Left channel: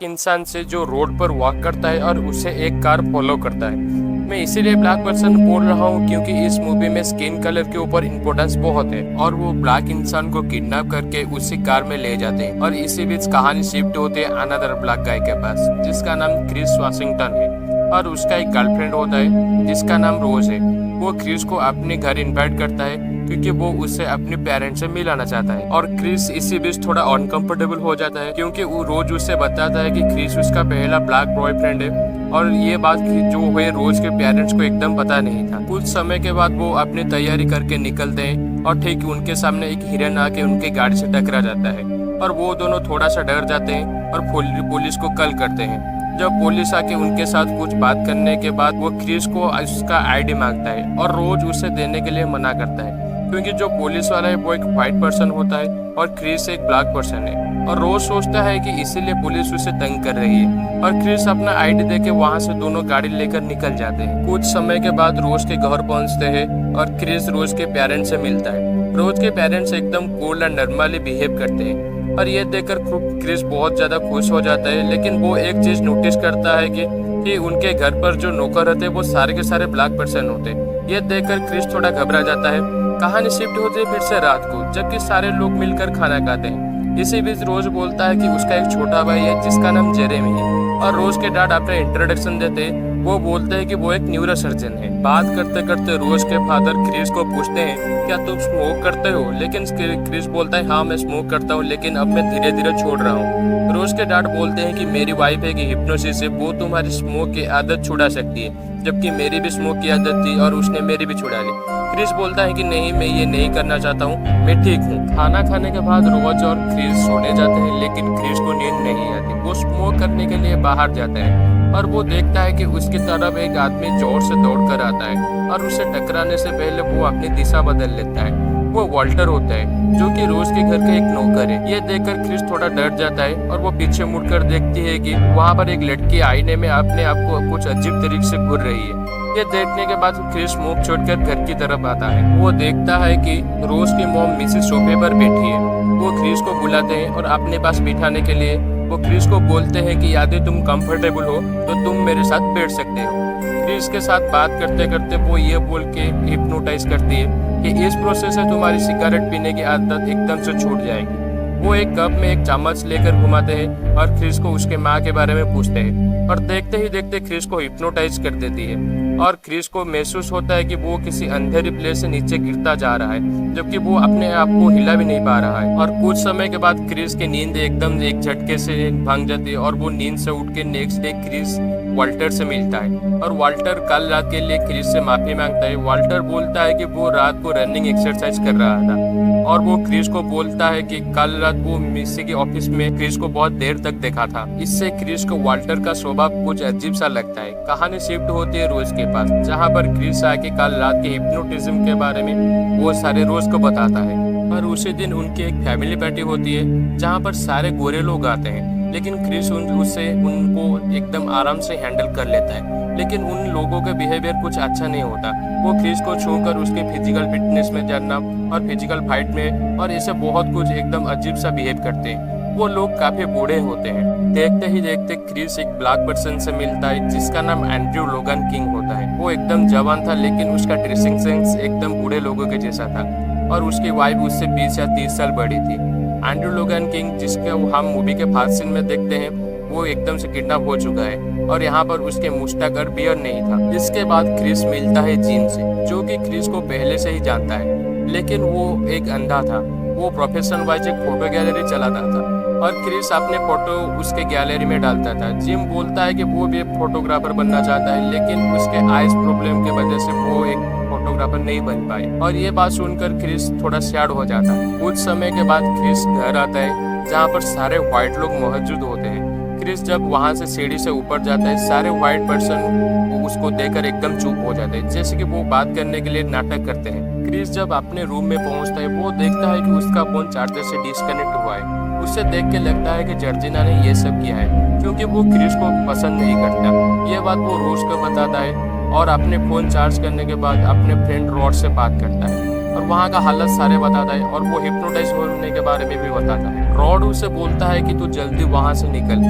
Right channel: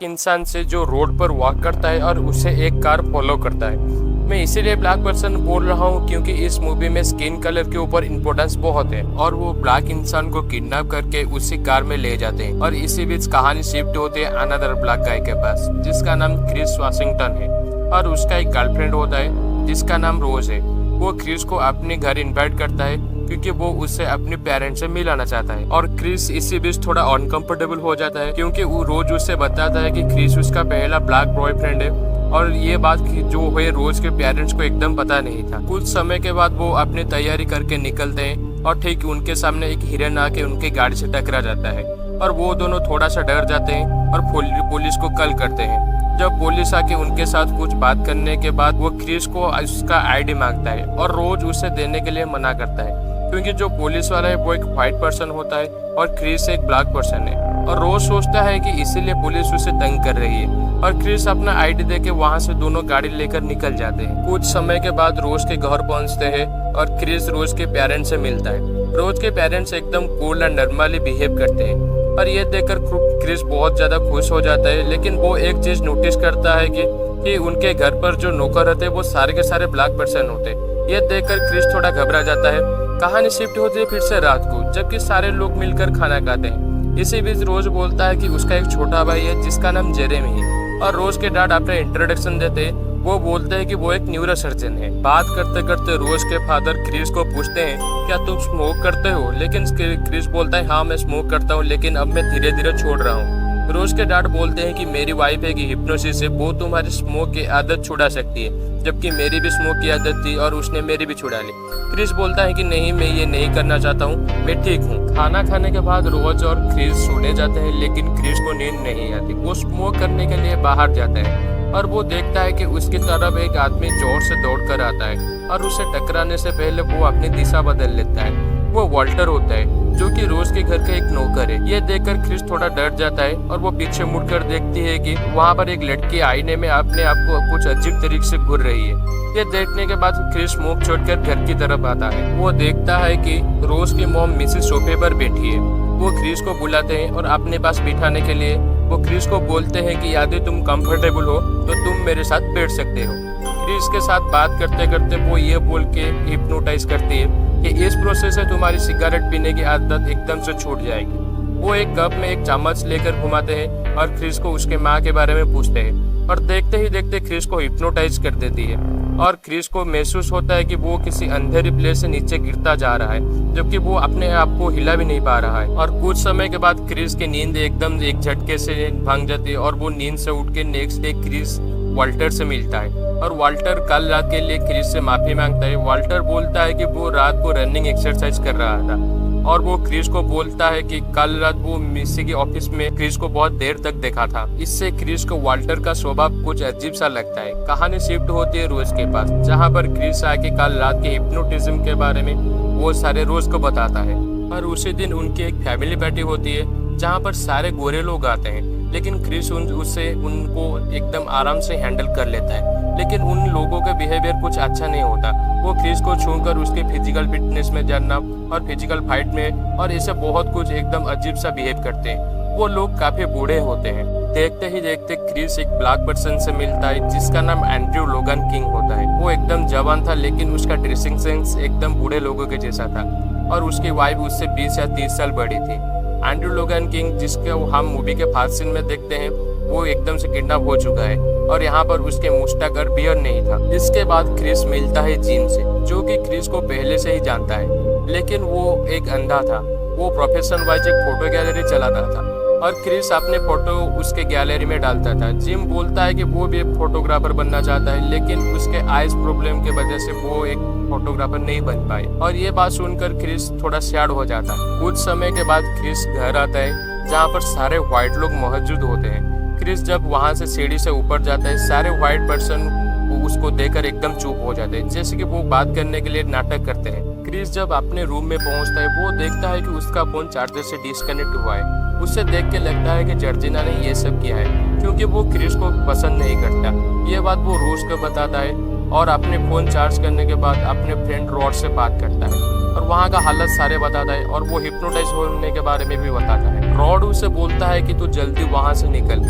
इंसान से जो रोड पर वॉक करता है और उसे एक कार फॉलो करता है। मैं इसीलिए ब्लैक पर्सन बोल रहा हूँ क्योंकि इस मूवी में स्किन कलर के ऊपर इम्पोर्टेंस बहुत है और वो ब्लैक इंसान को किडनैप करके उसी कार में ले जाते हैं और इसी बीच कहानी शिफ्ट होती है अनदर ब्लैक गाय के पास जिसका नाम क्रिस वाशिंगटन है और उसका एक गर्लफ्रेंड होता है जिसका नाम रोज है। वो क्रिस को अपने घर इनवाइट करता है क्योंकि वो उससे अपने पेरेंट्स से मिलाना चाहता है और क्रिस इसी बीच थोड़ा अनकंफर्टेबल हो जाता है क्योंकि वो रोज उससे बताता है कि क्रिस उसका पहला ब्लैक बॉयफ्रेंड है और ये बात जो हुई रोज के पेरेंट्स को एकदम पता नहीं था। कुछ समय के बाद वो अपनी तैयारी करके निकलते हैं और ठीक उनके सामने एक हिरन आके उनकी गाड़ी से टकरा जाता है और वो दोनों थोड़ा सा डर जाते हैं और पुलिस को कॉल करते हैं। जब पुलिस आके उनके साथ कुछ बात करने के बाद वो क्रिस को उसका आईडी मांगता है और रोज उसे देने के लिए मना करता है क्योंकि जो पुलिस वाला है वो एक व्हाइट पर्सन होता है और क्रिस एक ब्लैक पर्सन है और रोज सोचता है कि इसीलिए पुलिस उसे तंग कर रही है और क्रिस अपना आईडी देके वहां से दोनों गाड़ी लेकर निकल जाते हैं। कुछ समय के बाद रोज के घर पहुंचते हैं और क्रिस रोज के पेरेंट्स से मिलता है। रोज के पेरेंट्स एकदम कूल एंड नॉर्मली बिहेव करते हैं और ये देखकर क्रिस बहुत ज्यादा खुश हो जाता है, लेकिन वो एक चीज नोटिस करता है कि उनके घर पर जो नौकर रहते हैं वो सारे के सारे ब्लैक पर्सन होते हैं। ये देखकर क्रिस थोड़ा घबरा जाता है। कहानी शिफ्ट होती है फिर से रात को जबकि सारे लोग मिलकर खाना खाते हैं। इसी बीच रोज बोलता है कि उसका एक छोटा भाई है जिसका नाम जेरेमी है और रोज के डैड अपना इंट्रोडक्शन देते हैं। वो बोलते हैं कि वो एक न्यूरोसर्जन है। बात करते करते रोज के फादर क्रिस को पूछते हैं क्या तुम स्मोक करते हो, लेकिन क्रिस बोलता है हाँ मैं स्मोक करता हूँ लेकिन अब मैं धीरे धीरे छोड़ रहा हूँ। रोज के डैड बोलते हैं कि मेरी वाइफ है कि हिप्नोसिस है, वो तुम्हारी स्मोक की आदत छुड़ा सकती है, जबकि मेरी भी स्मोक की आदत थी और उसने मेरी भी छुड़ा ली। क्रिस बोलता है कि नहीं मैं ये नहीं करना चाहता हूँ, मैं ठीक हूँ। खाना खाने के बाद रोज और क्रिस सोने जाते हैं लेकिन क्रिस को नींद नहीं आती। वो स्मोक करने के लिए बाहर जाता है और वो देखता है कि उसकी तरफ एक आदमी जोर से दौड़कर आता है और उसे टकराने से पहले वो अपनी दिशा बदल लेता है। वो वॉल्टर होता है जो कि रोज के घर का एक नौकर है। ये देखकर क्रिस थोड़ा डर जाता है और वो पीछे मुड़कर देखती है कि वहाँ पर एक लड़की आईने में अपने आप को कुछ अजीब तरीके से घूर रही है। ये देखने के बाद क्रिस मुंह छोड़कर घर की तरफ आता है। वो देखता है कि रोज की मॉम मिसेस सोफे पर बैठी है। वो क्रिस को बुलाते हैं और अपने पास बिठाने के लिए वो क्रिस को बोलते हैं कि यदि तुम कंफर्टेबल हो तो तुम मेरे साथ बैठ सकते हो। क्रिस के साथ बात करते करते वो ये बोल के हिप्नोटाइज करती है कि इस प्रोसेस से तुम्हारी सिगरेट पीने की आदत एकदम से छूट जाएगी। वो एक कप में एक चम्मच लेकर घुमाते हैं और क्रिस को उसके माँ के बारे में पूछते हैं और देखते ही देखते क्रिस को हिप्नोटाइज कर देती है और क्रिस को महसूस होता है कि वो किसी अंधेरी प्लेस से नीचे गिरता जा रहा है जबकि वो अपने आप को हिला भी नहीं पा रहा है। और कुछ समय के बाद क्रिस की नींद एकदम एक झटके से भांग जाती है और वो नींद से उठ के नेक्स्ट डे क्रिस वाल्टर से मिलता है और वाल्टर कल रात के लिए क्रिस से माफी मांगता है। वाल्टर बोलता है कि वो रात को रनिंग एक्सरसाइज कर रहा था और वो क्रिस को बोलता है कि कल रात वो मिसी के ऑफिस में क्रिस को बहुत देर तक देखा था। इससे क्रिस को वाल्टर का स्वभाव कुछ अजीब सा लगता है। कहानी शिफ्ट होती है रोज के पास जहाँ पर क्रिस आके कल रात के हिप्नोटिज्म के बारे में वो सारे रोज को बताता है और उसी दिन उनकी एक फैमिली पार्टी होती है जहाँ पर सारे गोरे लोग आते हैं, लेकिन क्रिस उससे उनको एकदम आराम से हैंडल कर लेता है। लेकिन उन लोगों का बिहेवियर कुछ अच्छा नहीं होता। वो क्रिस को छूकर उसके फिजिकल फिटनेस में जानना और फिजिकल फाइट में और ऐसे बहुत कुछ एकदम अजीब सा बिहेव करते हैं। वो लोग काफी बूढ़े होते हैं। देखते ही देखते क्रिस एक ब्लैक पर्सन से मिलता है जिसका नाम एंड्रयू लोगन किंग होता है। वो एकदम जवान था लेकिन उसका ड्रेसिंग सेंस एकदम बूढ़े लोगों के जैसा था और उसकी वाइफ उससे 20 या 30 साल बड़ी थी। एंड्रयू लोगन किंग जिसके हम मूवी के फास्ट सीन में देखते हैं वो एकदम से किडनैप हो चुका है और यहाँ पर उसके मुस्टैक और बियर्ड नहीं था। इसके बाद क्रिस मिलता है जीन से जो कि क्रिस को पहले से ही जानता है, लेकिन वो एक अंधा था। वो प्रोफेशन वाइज एक फोटो गैलरी चलाता था और क्रिस अपने फोटो उसके गैलरी में डालता था। जिम बोलता है कि वो भी एक फोटोग्राफर बनना चाहता है लेकिन उसके आइज प्रॉब्लम की वजह से वो एक फोटोग्राफर नहीं बन पाए और ये बात सुनकर क्रिस थोड़ा सैड हो जाता है। कुछ समय के बाद क्रिस घर आता है जहाँ पर सारे व्हाइट लोग मौजूद होते हैं। क्रिस जब वहाँ से सीढ़ी से ऊपर जाता है सारे व्हाइट पर्सन उसको देखकर एकदम चुप हो जाते हैं जैसे कि वो बात करने के लिए नाटक करते हैं। क्रिस जब अपने रूम में पहुँचता है वो देखता है कि उसका फोन चार्जर से डिस्कनेक्ट हुआ है। उसे देख के लगता है कि जॉर्जिना ने ये सब किया है क्योंकि वो क्रिस को पसंद नहीं करता। ये बात वो रोज को बताता है और अपने फोन चार्ज करने के बाद अपने फ्रेंड रॉड से बात करता है और वहाँ का हालत सारे बताता है और वो हिप्नोटाइज होने के बारे में भी बताता है। रॉड उसे बोलता है कि तू जल्दी वहाँ से निकल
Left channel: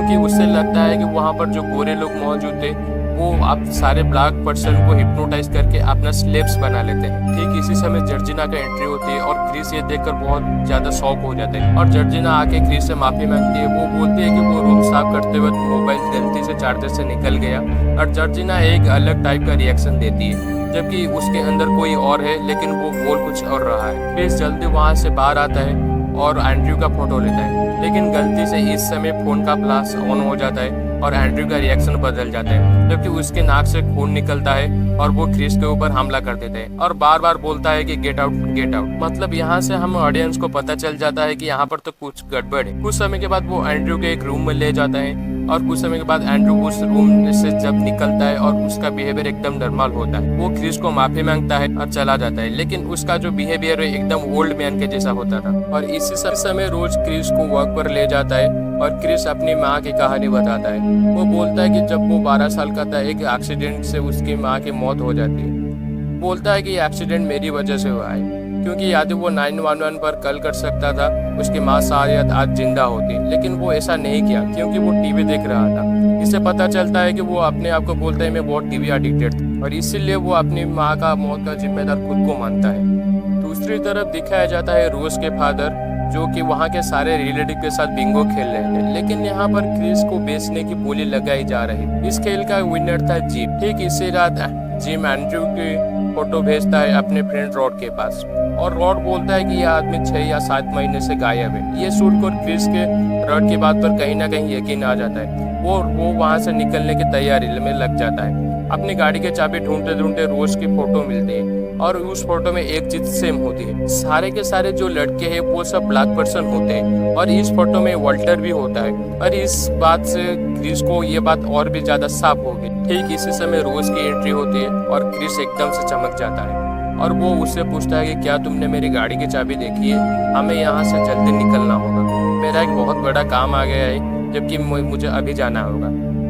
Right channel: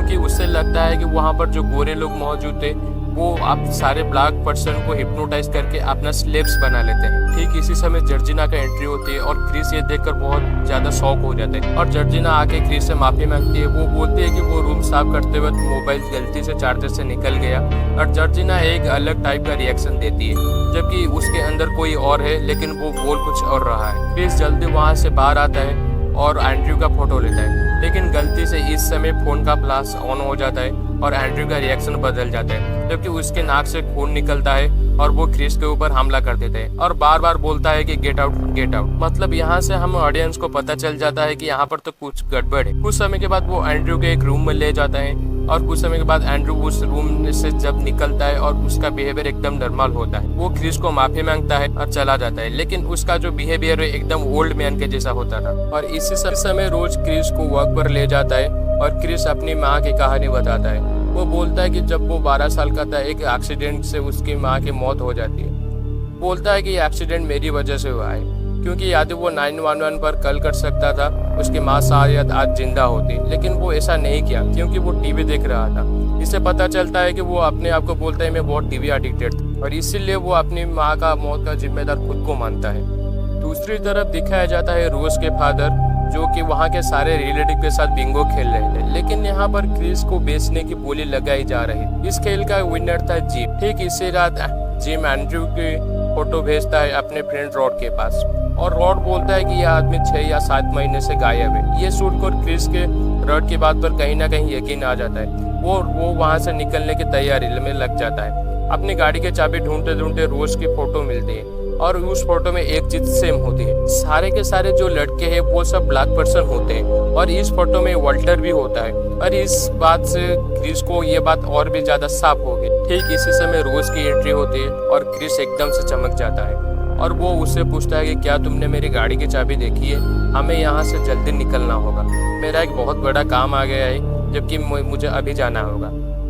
क्योंकि उससे लगता है कि वहाँ पर जो गोरे लोग मौजूद थे वो आप सारे ब्लैक पर्सन को हिप्नोटाइज करके अपना स्लेव्स बना लेते हैं। ठीक इसी समय जॉर्जिना का एंट्री होती है और क्रिस ये देखकर बहुत ज्यादा शॉक हो जाता है और जॉर्जिना आके क्रिस से माफी मांगती है। वो बोलती है कि वो रूम साफ करते वक्त मोबाइल गलती से चार्जर से निकल गया और जॉर्जिना एक अलग टाइप का रिएक्शन देती है, जबकि उसके अंदर कोई और है लेकिन वो बोल कुछ और रहा है। क्रिस जल्दी वहाँ से बाहर आता है और एंड्रयू का फोटो लेता है, लेकिन गलती से इस समय फोन का फ्लैश ऑन हो जाता है और एंड्रयू का रिएक्शन बदल जाता है, जबकि उसके नाक से खून निकलता है और वो क्रिस के ऊपर हमला कर देते हैं और बार बार बोलता है कि गेट आउट गेट आउट। मतलब यहाँ से हम ऑडियंस को पता चल जाता है कि यहाँ पर तो कुछ गड़बड़ है। कुछ समय के बाद वो एंड्रयू के एक रूम में ले जाता है और कुछ समय के बाद एंड्रयू उस रूम से जब निकलता है और उसका बिहेवियर एकदम नॉर्मल होता है। वो क्रिस को माफी मांगता है और चला जाता है, लेकिन उसका जो बिहेवियर है एकदम ओल्ड मैन के जैसा होता था। और इसी समय रोज क्रिस को वर्क पर ले जाता है और क्रिस अपनी माँ की कहानी बताता है। वो बोलता है कि जब वो 12 साल का था एक एक्सीडेंट से उसकी माँ की मौत हो जाती है। बोलता है कि ये एक्सीडेंट मेरी वजह से हुआ है, क्योंकि यदि वो 911 पर कॉल कर सकता था उसकी माँ शायद आज जिंदा होती, लेकिन वो ऐसा नहीं किया क्योंकि वो टीवी देख रहा था। इससे पता चलता है कि वो अपने आप को बोलता है मैं बहुत टीवी एडिक्टेड था और इसीलिए वो अपनी माँ का मौत का जिम्मेदार खुद को मानता है। दूसरी तरफ दिखाया जाता है रोज के फादर जो कि वहाँ के सारे रिलेटिव के साथ बिंगो खेल रहे थे, लेकिन यहाँ पर क्रिस को बेचने की बोली लगाई जा रही। इस खेल का विनर था जिम। ठीक इसी रात जिम एंड्रयू की फोटो भेजता है अपने फ्रेंड रॉड के पास और रॉड बोलता है कि यह आदमी 6 या 7 महीने से गायब है। ये सुनकर क्रिस के रॉड की बात पर कहीं ना कहीं यकीन आ जाता है। वो वहाँ से निकलने की तैयारी में लग जाता है। अपनी गाड़ी के चाबी ढूंढते ढूंढते रोज की फोटो मिलती है और उस फोटो में एक चीज सेम होती है। सारे के सारे जो लड़के हैं वो सब ब्लैक पर्सन होते हैं और इस फोटो में वाल्टर भी होता है। और इस बात से क्रिस को ये बात और भी ज्यादा साफ हो गई। ठीक इसी समय रोज की एंट्री होती है और क्रिस एकदम से चमक जाता है और वो उससे पूछता है कि क्या तुमने मेरी गाड़ी की चाबी देखी है? हमें यहाँ से जल्दी निकलना होगा, मेरा एक बहुत बड़ा काम आ गया है, जबकि मुझे अभी जाना होगा।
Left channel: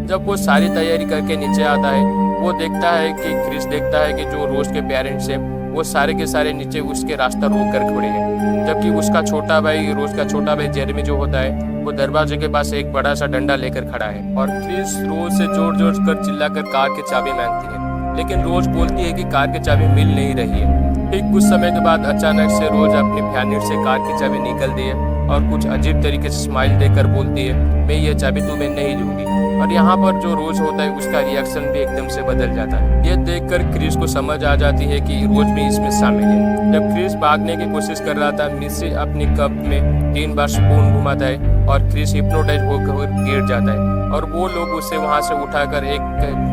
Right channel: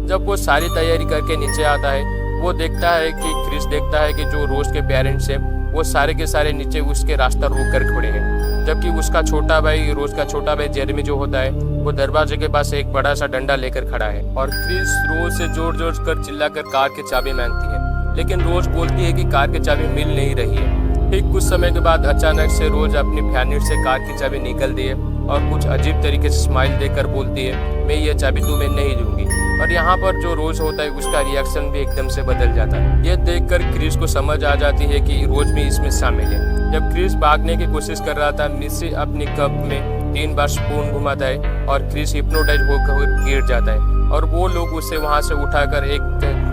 जब वो सारी तैयारी करके नीचे आता है वो देखता है कि क्रिस देखता है कि जो रोज के पेरेंट्स हैं वो सारे के सारे नीचे उसके रास्ता रोक कर खड़े हैं, जबकि उसका छोटा भाई रोज का छोटा भाई जेरेमी जो होता है वो दरवाजे के पास एक बड़ा सा डंडा लेकर खड़ा है और क्रिस रोज से जोर जोर कर चिल्लाकर कार की चाबी मांगती है, लेकिन रोज बोलती है कि कार की चाबी मिल नहीं रही है। ठीक कुछ समय के बाद अचानक से रोज अपनी फैनिट से कार की चाबी निकलती है और कुछ अजीब तरीके से स्माइल देकर बोलती है मैं ये चाबी तुम्हें नहीं दूंगी। और यहाँ पर जो रोज होता है उसका रिएक्शन भी एकदम से बदल जाता है। ये देखकर क्रिस को समझ आ जाती है कि रोज भी इसमें शामिल है। जब क्रिस भागने की कोशिश कर रहा था मिस्सी अपनी कप में 3 बार स्पून घुमाता है और क्रिस हिप्नोटाइज होकर गिर जाता है और वो लोग उसे वहाँ से उठाकर एक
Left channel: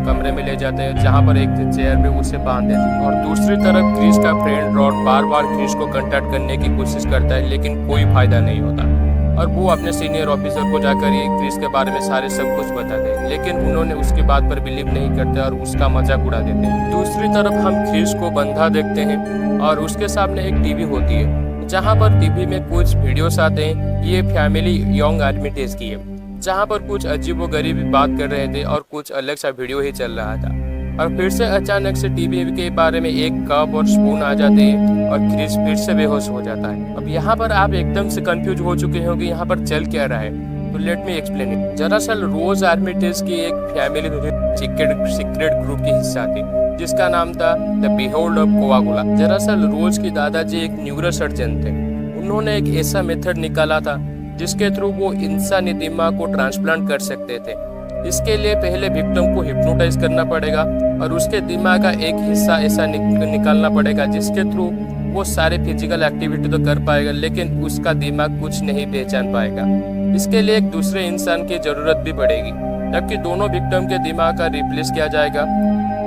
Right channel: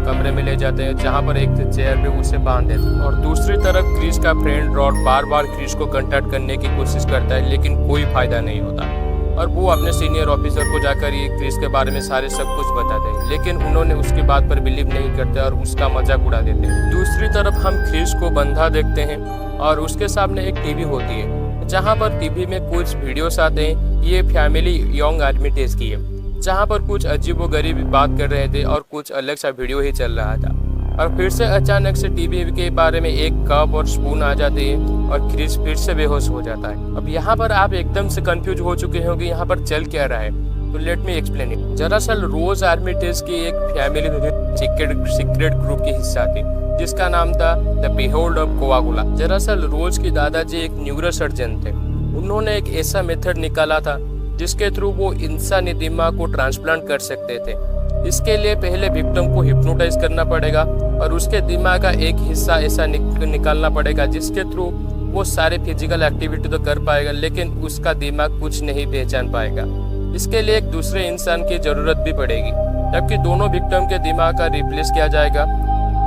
कमरे में ले जाते हैं जहाँ पर एक चेयर पे उसे बांध देते हैं। और दूसरी तरफ क्रिस का फ्रेंड रॉड बार बार क्रिस को कांटेक्ट करने की कोशिश करता है, लेकिन कोई फायदा नहीं होता और वो अपने सीनियर ऑफिसर को जाकर ये क्रिस के बारे में सारे सब कुछ बताते हैं, लेकिन उन्होंने उसकी बात पर बिलीव नहीं करते और उसका मजाक उड़ा देते हैं। दूसरी तरफ हम क्रिस को बंधा देखते हैं और उसके सामने एक टीवी होती है जहाँ पर टीवी में कुछ वीडियोस आते हैं। ये फैमिली यंग आर्मिटेज की है जहाँ पर कुछ अजीबोगरीब बात कर रहे थे और कुछ अलग सा वीडियो ही चल रहा था। और फिर से अचानक से टीवी के बारे में एक कप और स्पून आ जाते हैं और क्रिस फिर से बेहोश हो जाता है। अब यहाँ पर आप एकदम से कंफ्यूज हो चुके होंगे यहाँ पर चल क्या रहा है, तो लेट मी एक्सप्लेन इट। दरअसल रोज आर्मिटेज की एक फैमिली सीक्रेट ग्रुप की हिस्सा थी जिसका नाम था द बिहोल्ड ऑफ कोआगुला। दरअसल रोज की दादाजी एक न्यूरोसर्जन थे। उन्होंने एक ऐसा मेथड निकाला था जिसके थ्रू वो इंसानी दिमाग को ट्रांसप्लांट कर सकते थे। इसके लिए पहले विक्टिम को हिप्नोटाइज करना पड़ेगा और उसके दिमाग का एक हिस्सा ऐसा निकालना पड़ेगा जिसके थ्रू वो सारे फिजिकल एक्टिविटी तो कर पाएगा, लेकिन उसका दिमाग कुछ नहीं पहचान पाएगा। इसके लिए एक दूसरे इंसान की जरूरत भी पड़ेगी, जबकि दोनों विक्टिम के दिमाग का रिप्लेस किया जाएगा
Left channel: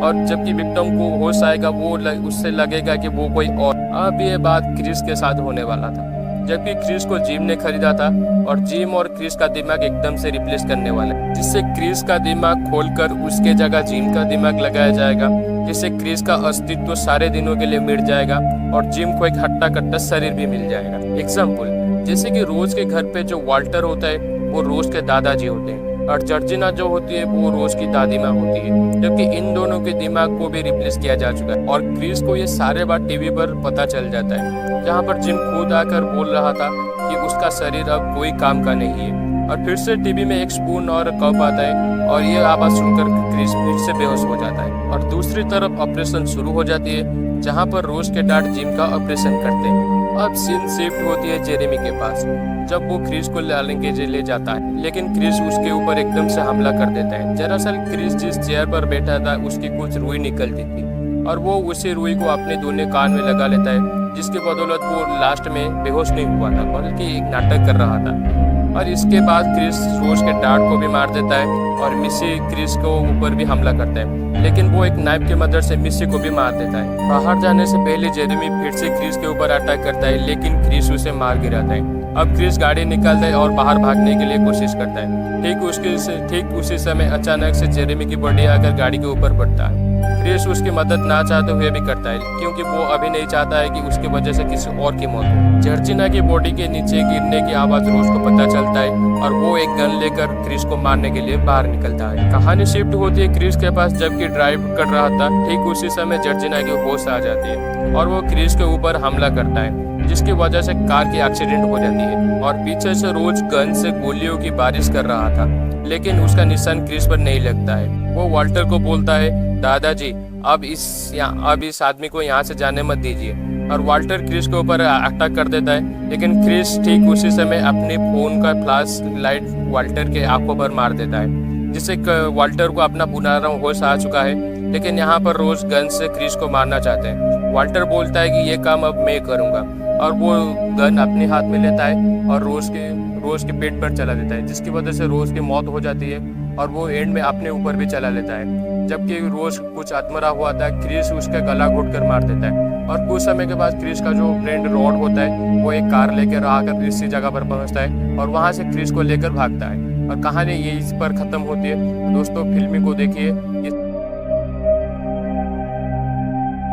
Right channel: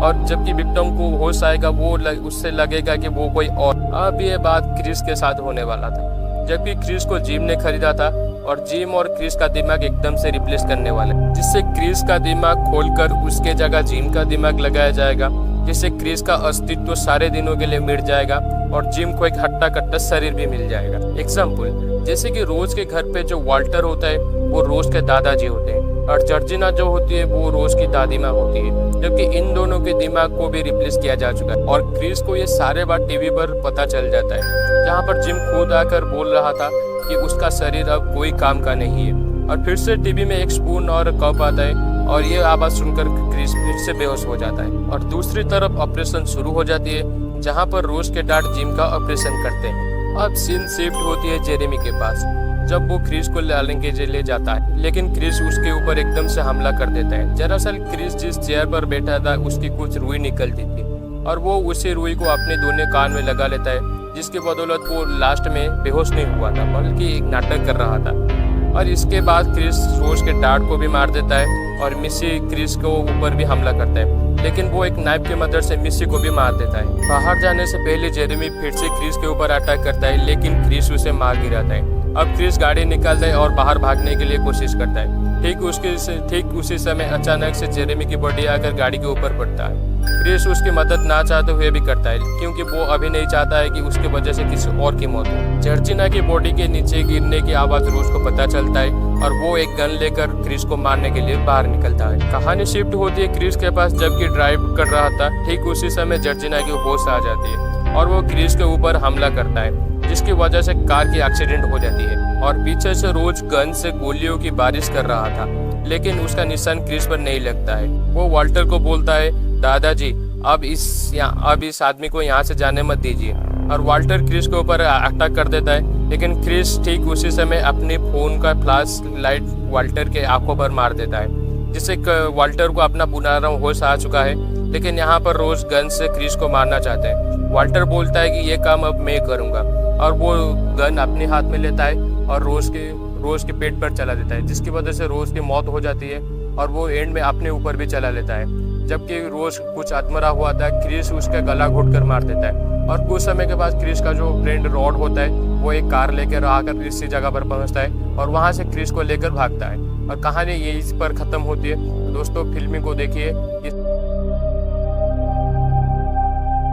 और जबकि विक्टिम को होश आएगा वो उससे लगेगा कि वो कोई और। अब ये बात क्रिस के साथ होने वाला था, जबकि क्रिस को जिम ने खरीदा था और जिम और क्रिस का दिमाग एकदम से रिप्लेस करने वाला है, जिससे क्रिस का दिमाग खोलकर उसके जगह जिम का दिमाग लगाया जाएगा, जिससे क्रिस का अस्तित्व सारे दिनों के लिए मिट जाएगा और जिम को एक हट्टा कट्टा शरीर भी मिल जाएगा। एग्जाम्पल जैसे कि रोज के घर पे जो वाल्टर होता है वो रोज के दादाजी होते हैं और जॉर्जिना जो होती है वो रोज की दादी माँ होती है, जबकि इन दोनों के दिमाग को भी रिप्लेस किया जा चुका है। और क्रिस को ये सारे बात टीवी पर पता चल जाता है, जहाँ पर जिम खुद आकर बोल रहा था कि उसका शरीर अब कोई काम का नहीं है और फिर से टीवी में एक स्पून और कप आता है और ये आवाज़ सुनकर क्रिस फिर से बेहोश हो जाता है। और दूसरी तरफ ऑपरेशन शुरू हो जाती है जहाँ पर रोज के डैड जिम का ऑपरेशन करते हैं। अब सीन शिफ्ट होती है जेरेमी के पास जब वो क्रिस को लाने के लिए ले जाता है, लेकिन क्रिस उसके ऊपर एकदम से हमला कर देता है। दरअसल क्रिस जिस चेयर पर बैठा था उसकी कुछ रुई निकलती थी और वो उसी रुई को अपने दोनों कान में लगा लेता है, जिसकी बदौलत वो लास्ट में बेहोश नहीं हुआ था बल्कि एक नाटक कर रहा था। और इसके बाद क्रिस रोज के डैड को भी मार देता है और मिसी क्रिस को ऊपर भी हमला करता है, लेकिन वो एक नाइफ की मदद से मिसी को भी मार देता है। बाहर जाने से पहले जेरेमी फिर से क्रिस के ऊपर अटैक करता है, लेकिन क्रिस उसे मार गिराता है। अब क्रिस गाड़ी निकालता है और बाहर भागने के लिए कोशिश करता है। ठीक उसी समय अचानक से जेरेमी की बॉडी आकर गाड़ी के ऊपर पड़ता है। क्रिस उसकी मदद ना चाहते हुए भी करता है क्योंकि वो अभी नहीं चाहता है कि उसकी वजह से किसी और की मौत हो। जॉर्जिना की बॉडी के नीचे गिरने की आवाज रोज को पता चलता है और वो एक गन लेकर क्रिस को मारने के लिए बाहर निकलता है। कहानी शिफ्ट होती है क्रिस के पास जबकि ड्राइव कर रहा था। ठीक उसी समय जॉर्जिना की होश आ जाती है और वो क्रिस के ऊपर हमला करता है, जिसकी वजह से कार की एक्सीडेंट हो जाती है। और पीछे से रोज गन से गोलियों की बारिश कर रहा था, लेकिन उसका निशान क्रिस पर नहीं लगता है। वो वाल्टर को बोलता है, दादाजी अब इस आदमी को यहाँ से जाने मत दीजिए। और वाल्टर क्रिस के ऊपर अटैक कर देता है, लेकिन क्रिस ठीक उसी समय अपने फोन का फ्लैश लाइट वाल्टर के आंखों पर मार देता है, जिससे वाल्टर को अपना पुनः होश आ चुका है। लेकिन यहाँ पर रोज गन से क्रिस को मारना चाहते हैं। वाल्टर बोलता है कि ये काम अब मैं करूँगा और वो गन अपने हाथ में लेता है और रोज के पेट पर चला देता है, जिसकी वजह से रोज की मौत हो जाती है और वो एंड में अपने ऊपर भी चला लेता है। जबकि रोज कुछ अधमरा हुआ था, क्रिस उसका गला घोटकर मार देता है। और कुछ समय के बाद क्रिस का जो फ्रेंड रॉड होता है वो एक कार लेकर आकर इसी जगह पर पहुंचता है और वहां से क्रिस को लेकर भागता है। और कहानी यही पर खत्म होती है। दोस्तों फिल्म को देखिए।